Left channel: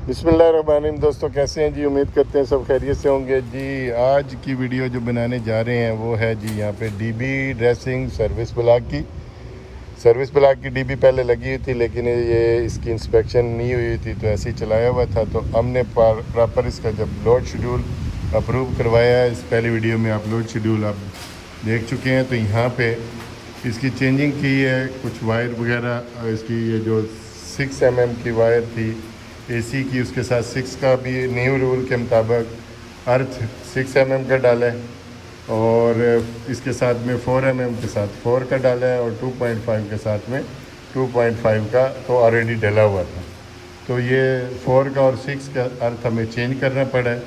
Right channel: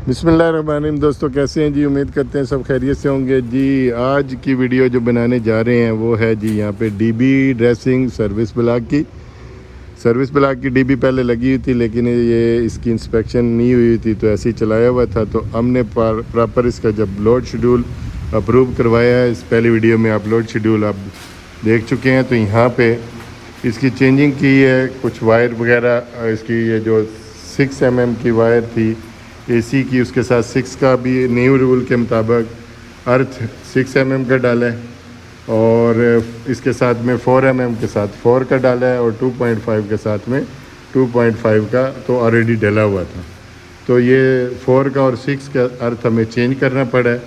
बिस्मिल्लाहिर्रहमानिर्रहीम। दोस्तों कैसे हैं जी? उम्मीद करते हैं सब खैरियत से होंगे जी। आज की वीडियो जो बनाने जा रहे हैं वो है जी यहाँ पे डीबी ड्रेसिंग सर्विस ब्लॉक की डीबी पहले लगी हुई थी, लेकिन ये इसकी इंस्पेक्शन नहीं हुई थी तो ऐसे ही चलाया हुआ था। तो हमने प्रॉपर इसका जब लोड शेड्यूल अप्रूव करवाया है, इस पहली वीडियो में आप लोड शेड्यूल आप देख चुके हैं। तो यहाँ पे इसकी चेंजिंग की है, कुछ वायर वगैरह इसकी ये जो 6 mm की वायर थी एसी की, उसके साथ 6 का भी न्यू रूल के मुताबिक अर्थ 6 mm का डाला है और इसके साथ में 4 mm के साथ 4 का डाला है और 2.5 के साथ में 2.5 का तो ऑलरेडी डला हुआ था। तो ये 4 का और 6 का अर्थ हमें चेंज करना पड़ा है,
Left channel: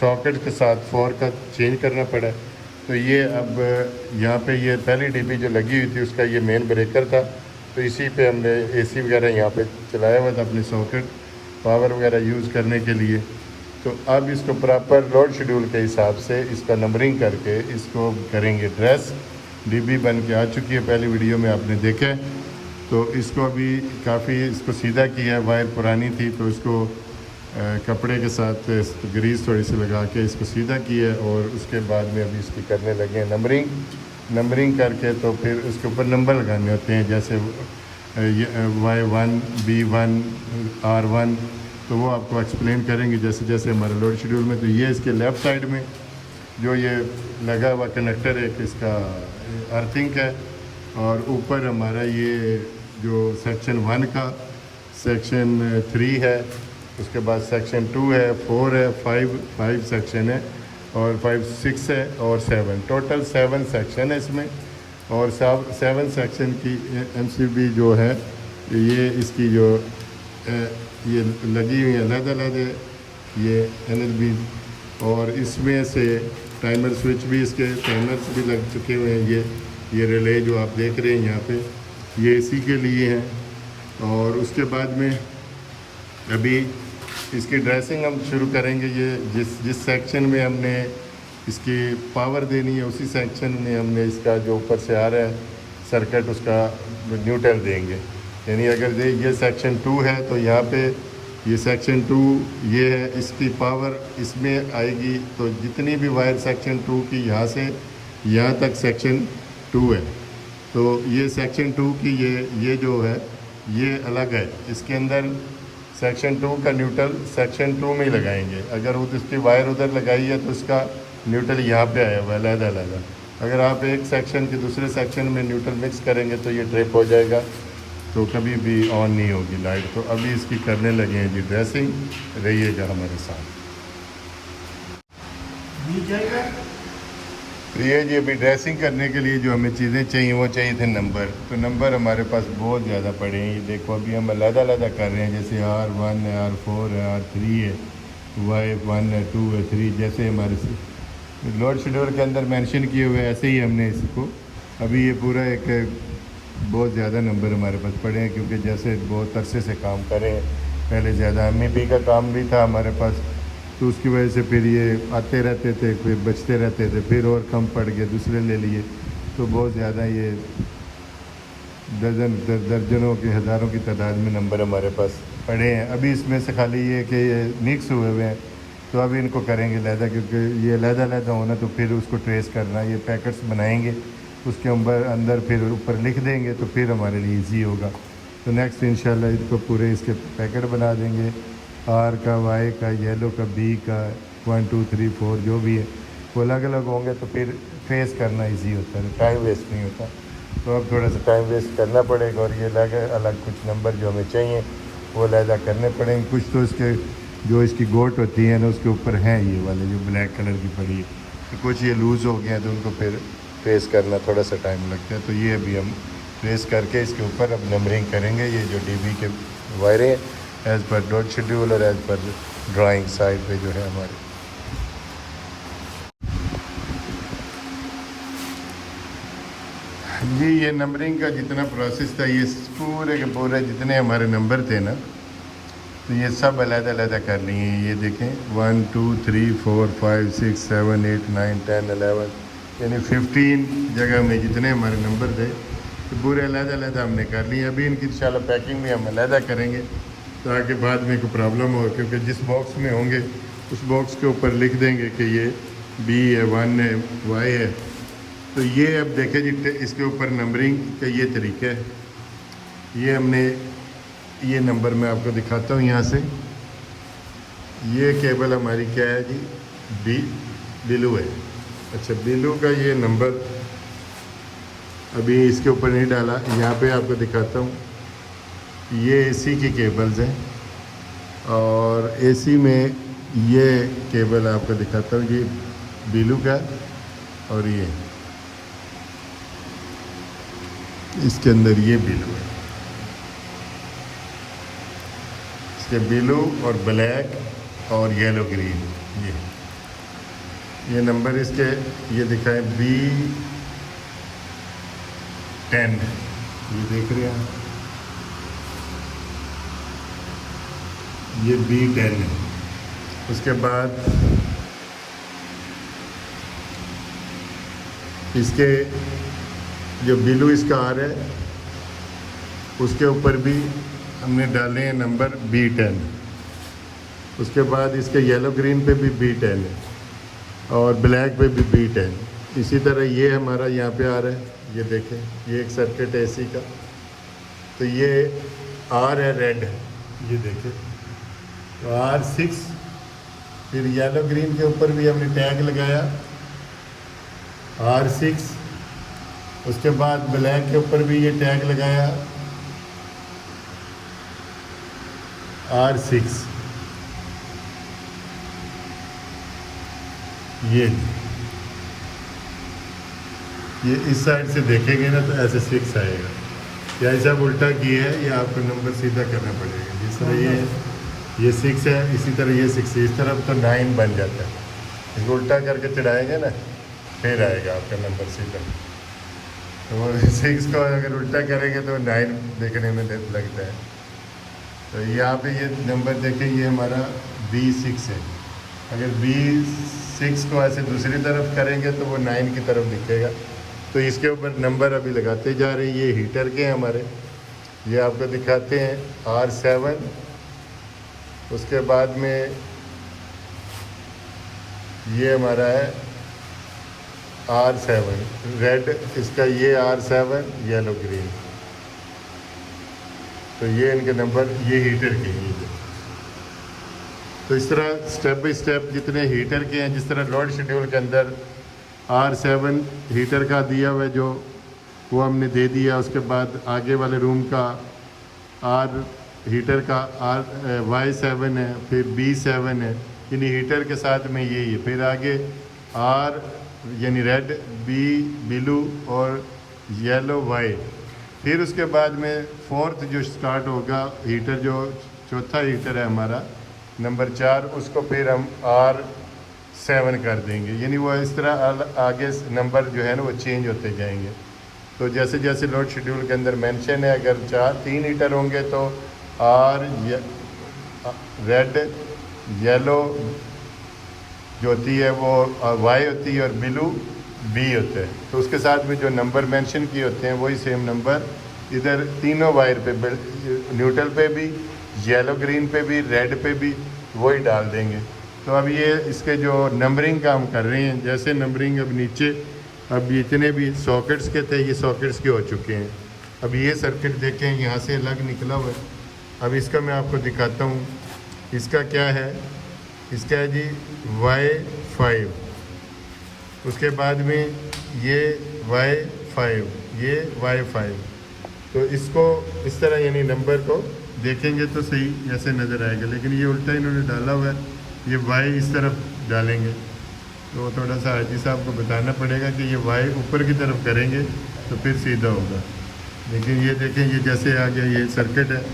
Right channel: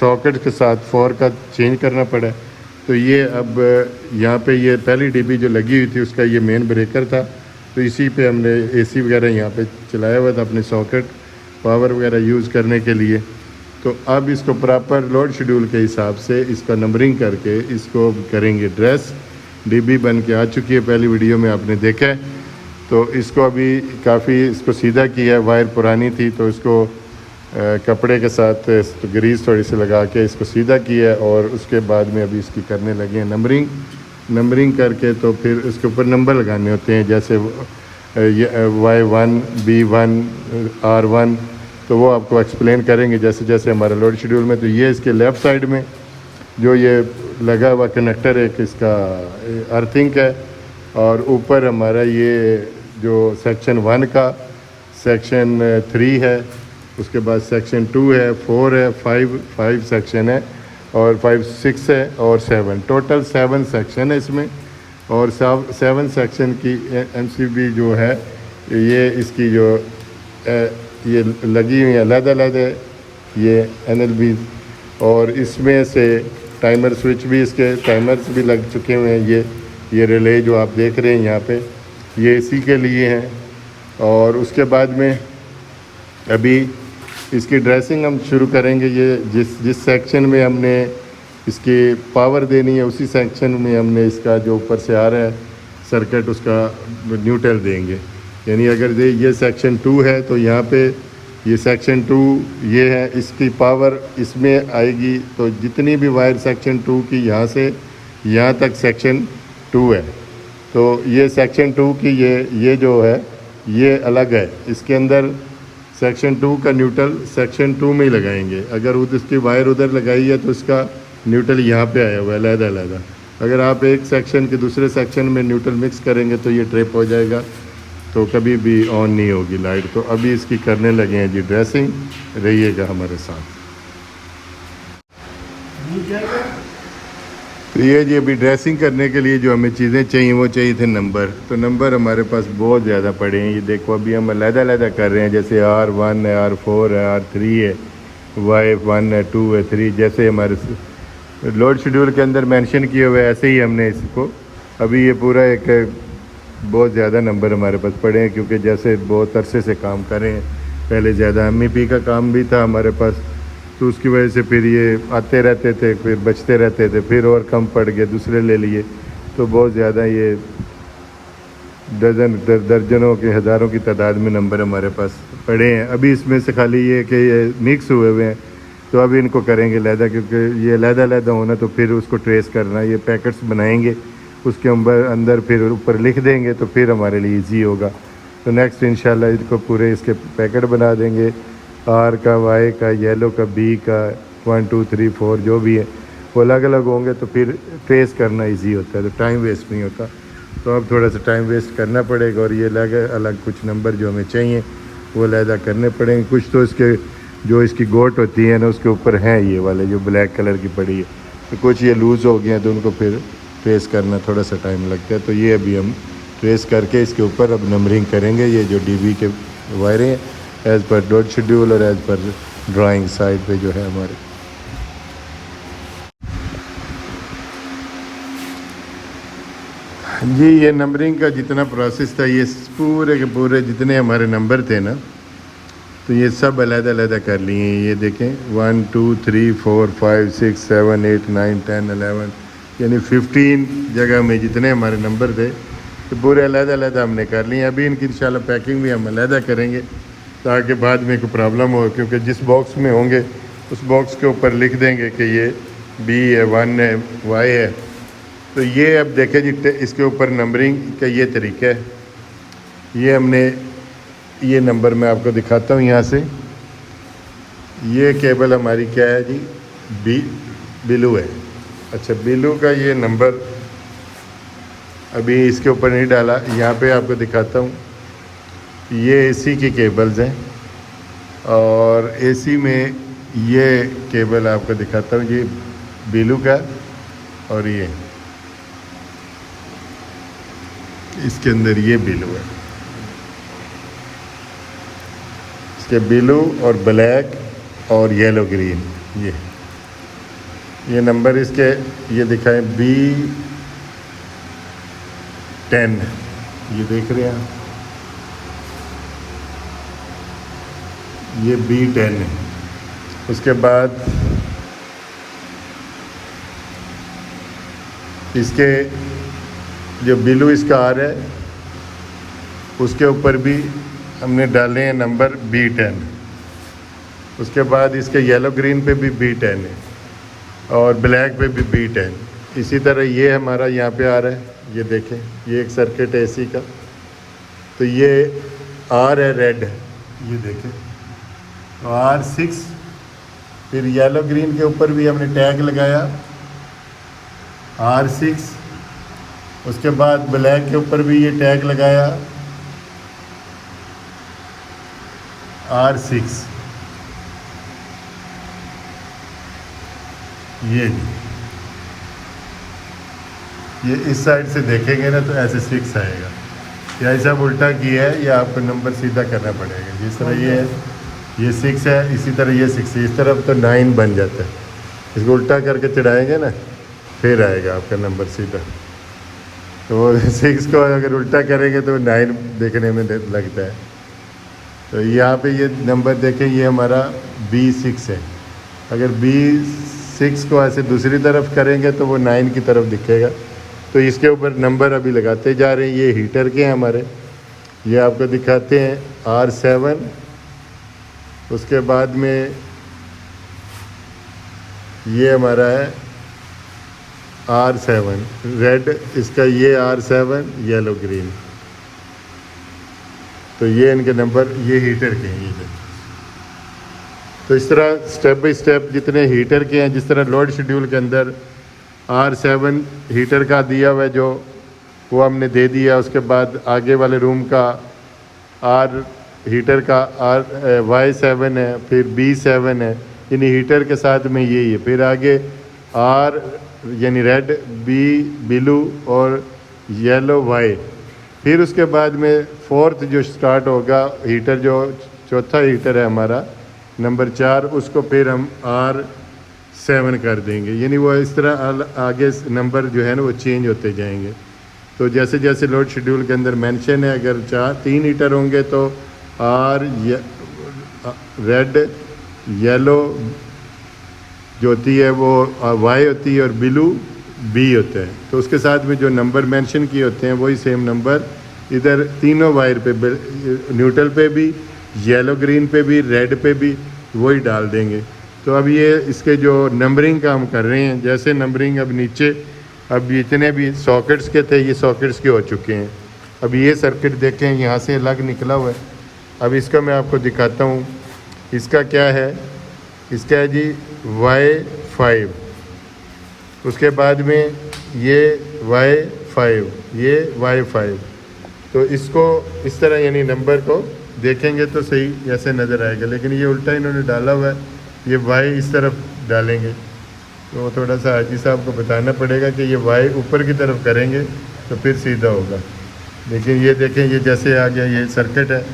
सॉकेट के साथ 4 का चेंज करना पड़ा है। तो ये अब यहाँ पे ये पहली डीबी जो लगी हुई थी उसका ये मेन ब्रेकर था, तो इसी पे हमने एसी वगैरह यहाँ पे चलाया हुआ था अपने सॉकेट पावर वगैरह यूज़ करने के लिए। तो अब इसको प्रॉपर लोड शेड्यूल के हिसाब से इसका नंबरिंग करके इसको करेंगे ड्रेस। डीबी बन के आ चुकी है, पहली वीडियो में आपने देखा है। तो इसको अभी काफ़ी इसको सीधा किया है, वायर पुरानी थी तो इसको कपड़े के साथ ग्रीस थोड़ी सी लगा के इसको सीधा किया है और उसके बाद में अभी इसकी करने लगे हैं नंबरिंग करके। तो फिर उसके ऊपर नंबर लगाने होते हैं, जैसे Y1 B1 R1, तो वो आपको एक्सप्लेन करेंगे जैसे जैसे हमारा लोड शेड्यूल में। तो ये इसके लेफ़्ट साइड में जो ये लगा हुआ कनेक्टर है इसका अर्थिंग है, और ऊपर हमारा ये जो सेक्शन 1 का सेक्शन 3 है, उसके बाद सेक्शन 2 है, 4 है, 5 सेक्शन है और 5 6 है और 7, टोटल 7 सेक्शन है इसमें। और 7 सेक्शन की एमसीबी जो है ये इसकी जो ये लगी हुई है अलग-अलग है ये एनएलबी, और इसमें से टाइमर स्विच भी, इसके टाइमर्स भी लग चुके हुए हैं। ये रिले जो आप देख रहे हैं यहाँ पे ये इसी के लिए हैं। और उसके बाद में अभी इसकी ड्रेसिंग हम शुरू करेंगे। ये जिस सेक्शन में हमने इसकी पावर देनी है उसी सेक्शन में हमने इसका जो ऊपर से आ रहा है सर्किट उसका न्यूट्रल देंगे। यानी अगर ये सेक्शन 2 है तो यहाँ पे ये सेक्शन 2 ये है, इसकी पावर इसमें आएगी। तो जितनी भी वायर सेक्शन 2 की यहाँ से यहाँ तक सेक्शन 2 है, तो ये सेक्शन 2 की ये जो है ये अलग है। इसके अंदर सेक्शन 2 का न्यूट्रल सेक्शन 2 में ही लगाएंगे। अगर उसकी वायर उधर लगाई है तो इसका न्यूट्रल यहाँ पे आया हुआ है अलग-अलग। अगर आप एक सेक्शन के दूसरे सेक्शन में न्यूट्रल मिक्स करेंगे तो ये ट्रिप हो जाएगा, तो कभी भी ऑन नहीं होगी लाइट। तो अभी इसकी करने लगे हैं जी ड्रेसिंग, रहिएगा हमारे साथ। तो ये जी अभी ड्रेसिंग करने के लिए जो हमें चीज़ें चाहिए वो चाहिए थे नंबर। तो नंबर हमारे पास बहुत ज़्यादा पड़े हैं, ये देखो अभी हम अलग-अलग कर रहे हैं। जैसे R1 है, R4 है, R3 है, Y1 है, 2 है, 3, जैसे हमारे लोड शेड्यूल के अंदर मेंशन किए हुए ऐसे ही हमने इसको अभी ये पूरा एक बहुत ज़्यादा नंबर हमारे पास पड़े हैं, क्योंकि जैसे बहुत अरसे से काम करें, पहले ज़्यादा MEP का काम भी था हमारे पास, तो उसकी वजह से फिर ये आते रहते थे, फिर बचते रहते थे, फिर और कम पड़ गए, दूसरे ले लिए। तो बहुत ज़्यादा ये दर्जनों के हज़ारों की तादाद में नंबर हमारे पास पड़े हैं। अभी इसमें से खाली ये कि ये मिक्स हुए हुए हैं, तो अभी इनको करेंगे लहदा, क्योंकि ये लहदा होना तो फिर उसको ट्रेस करना, ये पैकेट्स बनाएंगे उसके अंदर फिर ऊपर लिख देंगे तो फिर हमारे लिए इजी होगा। तो नेक्स्ट इंशाल्लाह इसको पूरे इसके पैकेट बना देंगे, R का, Y का, येलो का, B का, 1 2 3 4 जो भी है वो अलग अलग होंगे, तो फिर ट्रेस करना इजी होता है, तो टाइम वेस्ट नहीं होता। तो अब थोड़ा सा टाइम वेस्ट करना पड़ेगा और ये अलग अलग कुछ नंबर जो हमें चाहिए वो अलहदा करने पड़ेंगे। कुछ तो इसके जो इसकी गोट होती है ना उसके ऊपर हैं ये वाले जो ब्लैक कलर की पड़ी है, तो कुछ ये लूज़ हो गए हैं, तो उनको फिर ट्रेस करना थोड़ा सा टाइम लगता है। तो ये अभी हम ट्रेस करके इसके ऊपर अब नंबरिंग करेंगे। ये जो डीबी के वायरें हैं एज़ पर लोड शेड्यूल और एज़ पर ड्राइंग साइड पे जो है हमारे। जी ये नंबरिंग का जितना प्रोसेस था, ये पूरे के पूरे जितने हमारे नंबर थे ना, तो ये सब अलग-अलग कर लिए। ये देखें 1 2 3 4 5 6 7 8 9 10 11, यानी 15 जगह में जितने हमारे नंबर थे तो पूरे अलग-अलग हमने कर लिए। अभी इनकी इंशाल्लाह पैकिंग भी हम अलग करेंगे ताकि बाद में कोई प्रॉब्लम हो, क्योंकि जिस बॉक्स में होंगे उस बॉक्स के ऊपर लिख देंगे कि ये बी है, 1 है, वाई है। तो ये अब देखें जी, इसके ऊपर नंबरिंग का ये तरीका है। ये हमने ये नंबर मैं आपको दिखाता हूँ यहाँ से। ये केबल हमारी क्या है जी, बिलू है। अच्छा, बिलू का ये नंबर अभी इसके ऊपर नहीं डाला, यहाँ पे आपको दिखाता हूँ। ये एसी की केबल्स हैं और एसी में ये केबल आपको दिखाता हूँ, ये बिलू का और ये इसके अंदर ये बिलू है। इसके बिलू और ब्लैक और येलो ग्रीन, ये नंबर इसके ये दिखाएं B10, ये देख रहे हैं, ये B10 है। उसके बाद इसके जो बिलू इसका आ रहा है उसके ऊपर भी हमने डाले हैं नंबर B10। उसके बाद इसके येलो ग्रीन पे भी B10 है और ब्लैक पे भी B10। इसी तरह ये हमारा यहाँ पे आ रहा है, ये देखें, ये एक सर्किट है एसी का। तो ये R है, रेड है, ये देखें, तो R6। फिर येलो ग्रीन के ऊपर भी हमने टैग लगाया R6। उसके बाद ब्लैक के ऊपर भी ये टैग लगाया R6। ये इस साइड से देखेंगे ना तो ऐसे 6 आएगा, या ऐसा उल्टा किया है या आपको नंबर सीधा करना पड़ेगा। जिस तरह ये 6 है, इसी तरह ये 6 है, इस तरफ तो 9 बन जाता है। इसको उल्टा करके चढ़ाएंगे ना फिर आएगा आपका नंबर सीधा। तो 6 को अगर उल्टा करेंगे तो 9 देखने में लगता है। तो यहाँ पे ये नंबर देखें, ये हमारा B6 है। अगर B6 को ऐसे दूसरी तरफ करेंगे तो वो 9 की तरफ दिखेगा। तो इसके ऊपर नंबर अभी लगाते जा रहे हैं। ये हीटर के हैं हमारे, ये आपको दिखाते हैं R7। उसके बाद में ये हमारा है R7 रेड, इसका ये R7 येलो ग्रीन। तो ये इनके नंबर, ये हीटर के हैं ये। तो इस तरह स्टेप बाय स्टेप जितने हीटर के हैं, जिस तरह लोड शेड्यूल के अंदर R7 हीटर का दिया हुआ है जो वो हमने दे दिया। उसके बाद आगे वाले रूम का R हीटर का Y7 है, फिर B7 है, यानी हीटर के साथ में यही है। फिर आगे R यानी रेड, B ब्लू और येलो Y। फिर उसके बाद में 4th जो स्टार्ट होगा हीटर, जो चौथा हीटर है हमारा नंबर 4, उसको फिर हम R7 कर देंगे। यानी वो इस तरह आगे नंबर जो है ना वो चेंज होते जाएंगे। तो जैसे जैसे लोड शेड्यूल के अंदर मेंशन है, अगर 3 हीटर होंगे तो रेड येलो जो होती है वो Y होती है और ब्लू B होता है। तो उसके साथ में जो नंबर मेंशन किए होते हैं वही सेम नंबर इधर तीनों वायर पे, न्यूट्रल पे भी, येलो ग्रीन पे भी, रेड पे भी वही डाल देंगे। तो अब ये इसके जो नंबरिंग का हम कर रहे हैं, जैसे नंबरिंग अब नीचे, अब जितने भी सॉकेट्स के थे ये सॉकेट्स के हो चुके हैं। अब ये सर्किट देखें यहाँ से अलग निकला हुआ है। अब इसका मैं आपको दिखाता हूँ, इसका क्या है। इसका है जी Y5, उसके बाद में ये Y5, ये Y5। तो इसको इस तरह यानी नंबर को देखेंगे तो सही ऐसे नज़र आएगा, लेकिन ये उल्टा इन्होंने डाला हुआ है, ये Y इस तरफ डालेंगे। तो थोड़ा सा हाजी साहब को बताना पड़ेगा कि ये Y ऊपर की तरफ करेंगे तो फिर सीधा होगा। लेकिन ये देखें, ये जैसे आ गया, ये सर्किट है।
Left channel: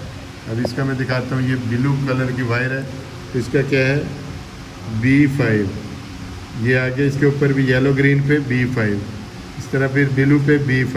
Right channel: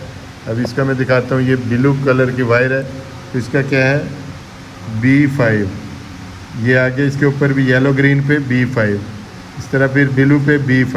अब इसका मैं दिखाता हूँ, ये ब्लू कलर की वायर है, तो इसका क्या है B5। ये आगे इसके ऊपर भी येलो ग्रीन पे B5, इस तरह फिर ब्लू पे B5।